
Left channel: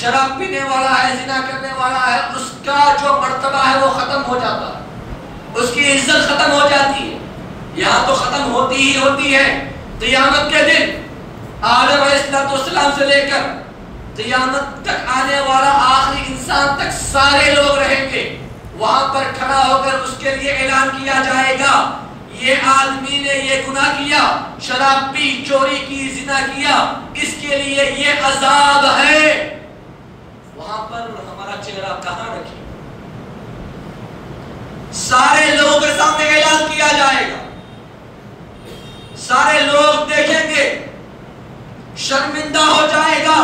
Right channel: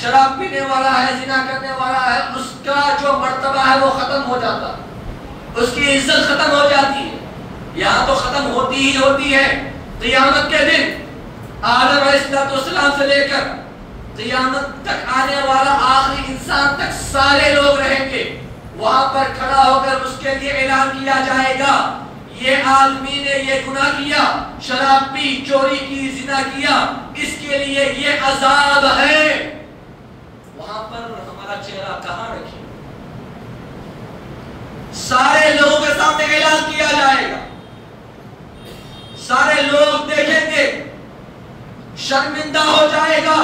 شراب پینے والا ہے، زنا کرنے والا ہے، اس کا جو مرتبہ ہے وہ ختم ہو جاتا ہے، اس کی عزت ختم ہو جاتی ہے. یہاں تو ختم ہوتی ہی ہوتی ہے. قیامت کے دن آدم علیہ السلام سے لے کر قیامت تک آنے والا آخری انسان تک سارے لوگ رہیں گے. وہاں پر کھڑا ہو کر اس کے لیے اعلان کیا جائے گا یہ آدمی نے یہ گناہ کیا، شراب پی، چوری کی، زنا کیا، اس کے لیے یہ عذاب ہے. وہاں پر ہمارا چہرہ کہاں رکھے؟ سارے لوگوں کے سامنے اعلان کیا جائے گا، سارے لوگ دیکھیں گے، شرمندہ ہو جائے گا،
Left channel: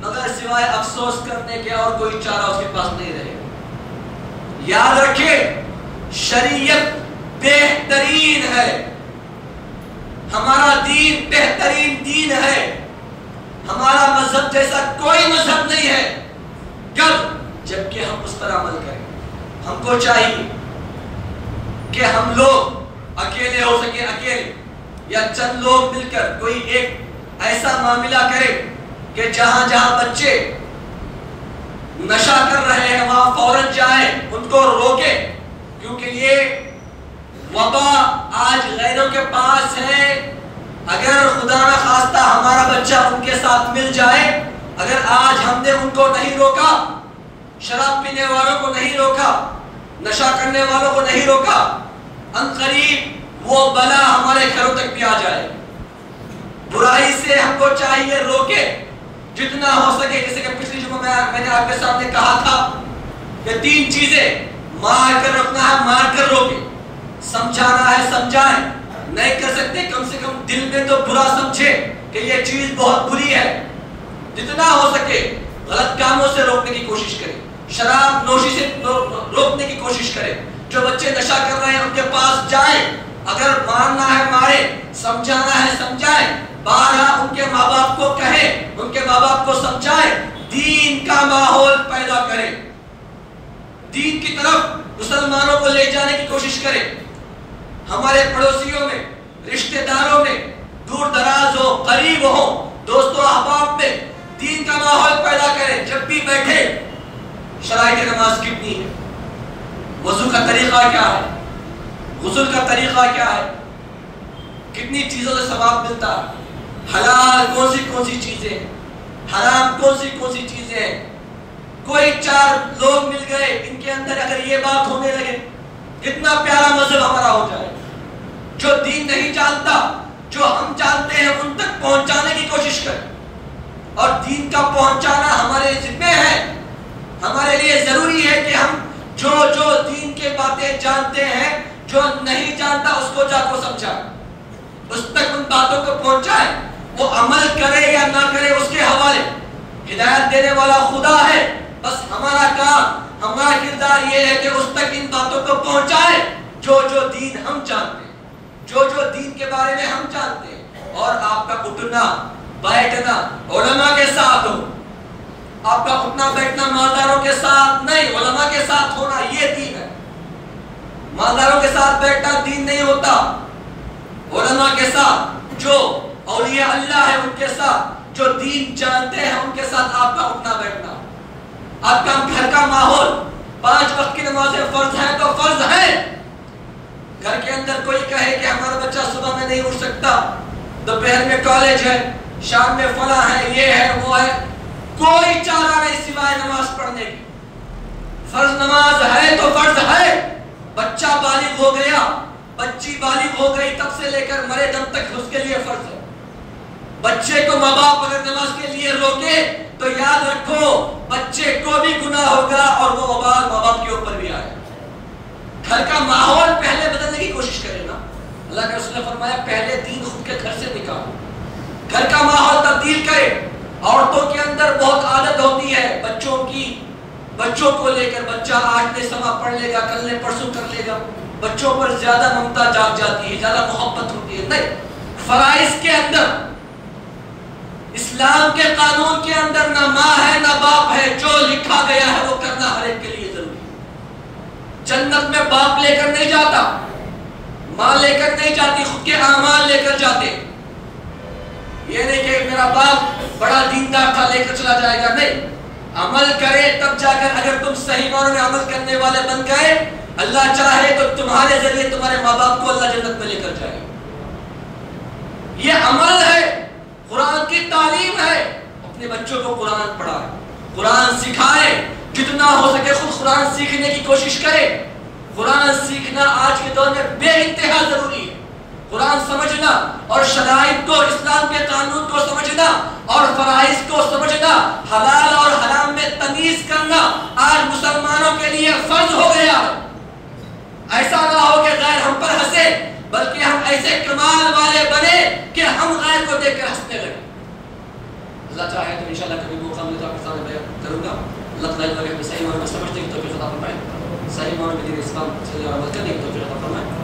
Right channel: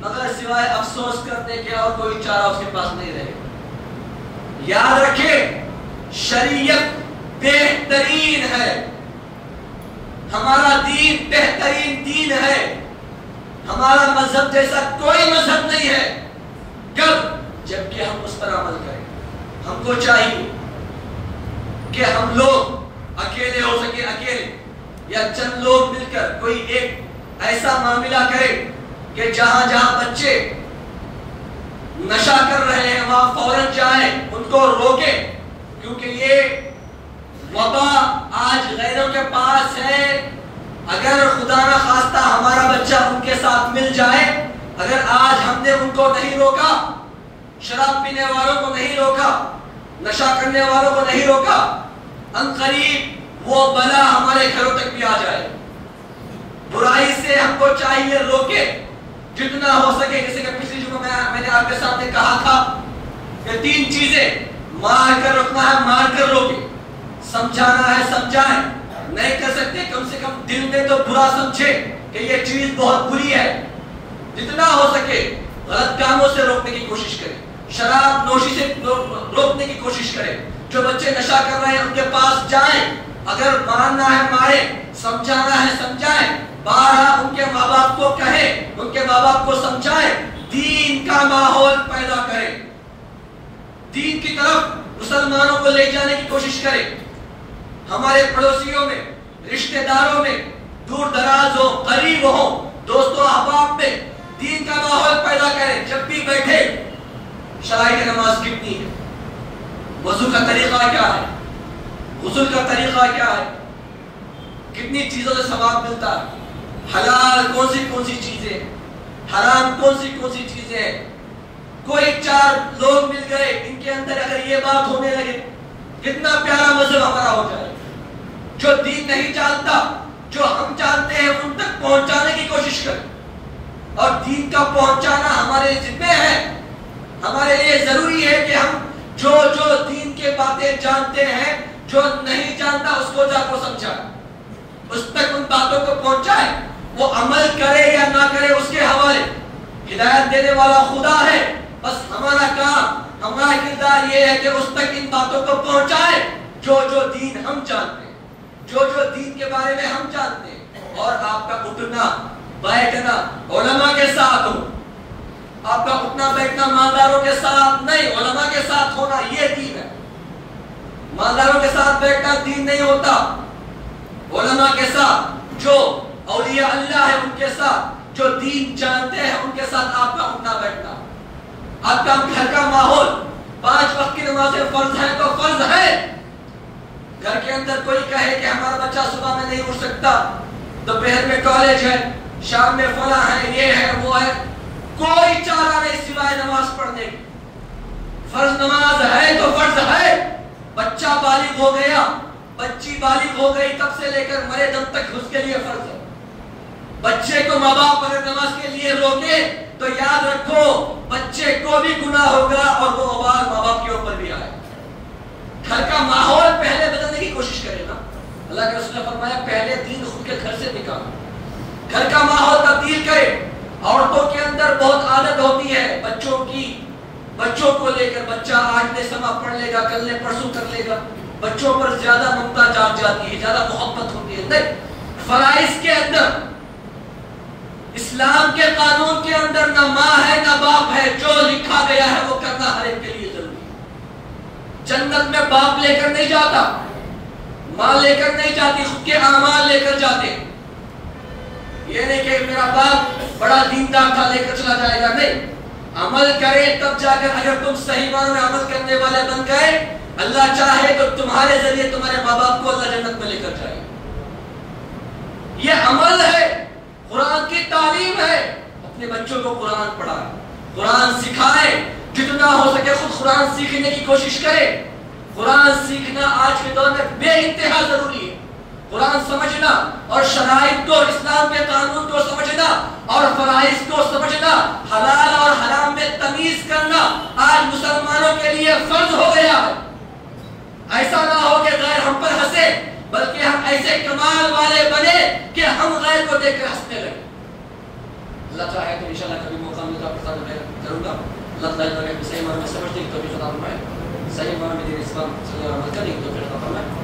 مگر سوائے افسوس کرنے کے اور کوئی چارہ اس کے پاس نہیں رہے گا. یاد رکھیں شریعت بہترین ہے، ہمارا دین بہترین دین ہے، ہمارا مذہب جیسا کوئی مذہب نہیں ہے. کب؟ جبکہ ہم اس پر عمل کریں. ہم کو چاہیے کہ ہم لوگ اکیلے ہو سکے اکیلے یا چند لوگ مل کر کوئی ایک ایسا معاملہ کرے کہ جہاں جہاں بچے نشہ کر رہے ہیں وہاں فوراً جائیں، ان کو روکے. کیونکہ یہ وبا آج غیروں کے پاس ہے. اگر خدا نہ خواستہ ہمارا بچہ ان کے ساتھ مل جائے، اگر آج ہم نے ان کو نہیں روکا، شراب پینے والوں کو نہیں روکا، نشہ کرنے والوں کو نہیں روکا، عنقریب وہ بلا ہمارے گھروں تک بھی آ جائے. برائی سے ہم کو چاہیے روکے جتنا ہو سکے. جیسے کہ پچھلی جمعہ میں نے آپ کے سامنے کہا تھا کہ 3 چیزیں مار کر روکنا ہے، مار کر روکے، سمجھانا ہے سمجھائیں، نہیں کر سکتے کم سے کم دل میں تو برا سمجھے کہ یہ چیز بہت بری ہے. جتنا ہو سکے غلط کاموں سے روکنے کی کوشش کریں، شراب نوشی سے روکنے کی کوشش کریں. جو بچے نشہ کر رہے ہیں ان کے پاس جائیں، اگر مارنا ہے مارے، سمجھانا ہے سمجھائیں، بارہ ان کے ماں باپ کو کہیں، ان کے ماں باپ کو سمجھائیں، دین کا ماحول پیدا کریں، دین کی طرف مسلمانوں کو لے جانے کی کوشش کریں. ہمارے پڑوسیوں میں، رشتہ داروں میں، دور دراز ہو، قریب ہو، دوستوں احباب میں دین کا ماحول پیدا کریں. جب بھی بیٹھے شرائط نماز کتنی ہے، وضو کا طریقہ کیا ہے، غسل کا طریقہ کیا ہے، کتنی چیزوں سے ثواب ملتا ہے، حلال کون سی چیزیں، حرام کون سی چیزیں ہیں. کوئی 4 لوگ مل گئے، ان کے اندر اگر یہ بات ہونے لگے، کتنا پیارا مذہب ہمارا ہو جائے. جو دین نہیں جانتا، جو ہم جانتے ہیں ان تک پہنچانے کی کوشش کریں. اور دین کا پہنچانا ہمارے ذمہ ہے. ہمارے لیے ضروری ہے کہ ہم جو دین کے باتیں جانتے ہیں، جو نہیں جانتا اس کو جا کر سمجھائیں، اس تک ان باتوں کو پہنچائیں. وہ عمل کرے یا نہ کرے اس کے حوالے. ہدایت دینے والا خدا ہے، بس ہمارا کام، ہمارا کردار یہ ہے کہ اس تک ان باتوں کو پہنچائیں جو جو دین ہم جانتے ہیں، جو جو دین کے بارے میں ہم جانتے ہیں، اور آپ کا اٹھنا بیٹھنا علماء کے ساتھ ہو. آپ کا اٹھنا بیٹھنا مالداروں کے ساتھ نہیں، علماء کے ساتھ ہونا، یہ دین ہے. مالداروں کے ساتھ بیٹھنا دین نہیں ہوتا. علماء کے ساتھ، جو اولیاء اللہ ہے ان کے ساتھ، جو دین جانتے ہیں ان کے ساتھ آپ کا اٹھنا بیٹھنا. آپ کا گھر کا ماحول، 5 وقت کی نمازیں فرض ہیں تو فرض ہے. گھر کے اندر کوئی کہے کہ ہمارا بچہ صبح میں نہیں اٹھ سکتا، دوپہر میں کالج ہے، شام میں فلاں ہے، یہ ہے وہ ہے، کوئی چارہ نہیں سوائے نماز پڑھنے کی. فرض نماز ہے تو فرض ہے. بچہ بالغ ہو گیا، بچی بالغ ہو گئی، تب سے لے کر مرے دم تک اس کے لیے فرض ہے. بچے کو ماں باپ اگر نماز کے لیے روکے تو یاد رکھو بچے کو بھی گناہ ہوگا اور وہ وبال ماں باپ کے اوپر بھی آئے. گھر کا ماحول پہلے بدلنے کی کوشش کرے نا. اللہ کے رسول نے فرمایا پہلے دین خود کے گھر سے نکالو. گھر کا ماحول تبدیل کرے. عورتوں کے اندر بہت عادت ہوتی ہے بچوں کو لے کر، بچہ آج نے سما پڑھ لے گا، کل نے پرسوں کر لے گا. بچوں پر زیادہ ممتا جاگ جاتی ہے، زیادہ محبت ہوتی ہے. نہیں، فرائض کے اندر، اسلام کے قانون کے اندر نہ ماں ہے نہ باپ ہے. جو لکھا گیا ہے وہ کرنا ہر ایک کے لیے ضروری ہے. جنت میں باپ لے کر نہیں جاتا، ماں لے کر نہیں جاتی، خود کے اعمال لے کر جاتے. یہ نہیں کہ میرا باپ بڑا دیندار تھا لے کر چلا جائے گا. نہیں، عمل کرے تب جا کر، اگر تم صحیح معنوں میں عمل کرنے والے بن گئے، اللہ چاہے تو تمہارے ذریعے تمہارے ماں باپ کو اللہ جنت میں لے کر جائے. یہ عمل ہے، قرآن کی تعلیم ہے. اپنے بچوں کو قرآن پڑھائے، قرآن سکھائے. جتنا ہو سکے خود قرآن سیکھنے کی کوشش کرے. قرآن سیکھنا آج کے دور میں بے انتہا ضروری ہے. قرآن سمجھنا اور شرائط کو، اسلام کے قانون کو سمجھنا اور فرائض کو سمجھنا، حلال اور حرام میں تمیز کرنا آج مسلمانوں کے لیے فرض ہو گیا ہے. ایسا نہ ہو کہ غیر ہم پر ہنسے، بلکہ ہم ایسے کمال والے بنے کہ ہم غیر کو دیکھ کر ہنسنے لگے. اللہ چاہے تو انشاءاللہ کبھی موقع ملے تو آپ کے ساتھ بیان کروں گا. اللہ تعالیٰ صحیح معنوں میں سمجھنے کی توفیق عطا فرمائے، صحیح معنوں میں دین اسلام صلی اللہ علیہ وسلم کی توفیق عطا فرمائے.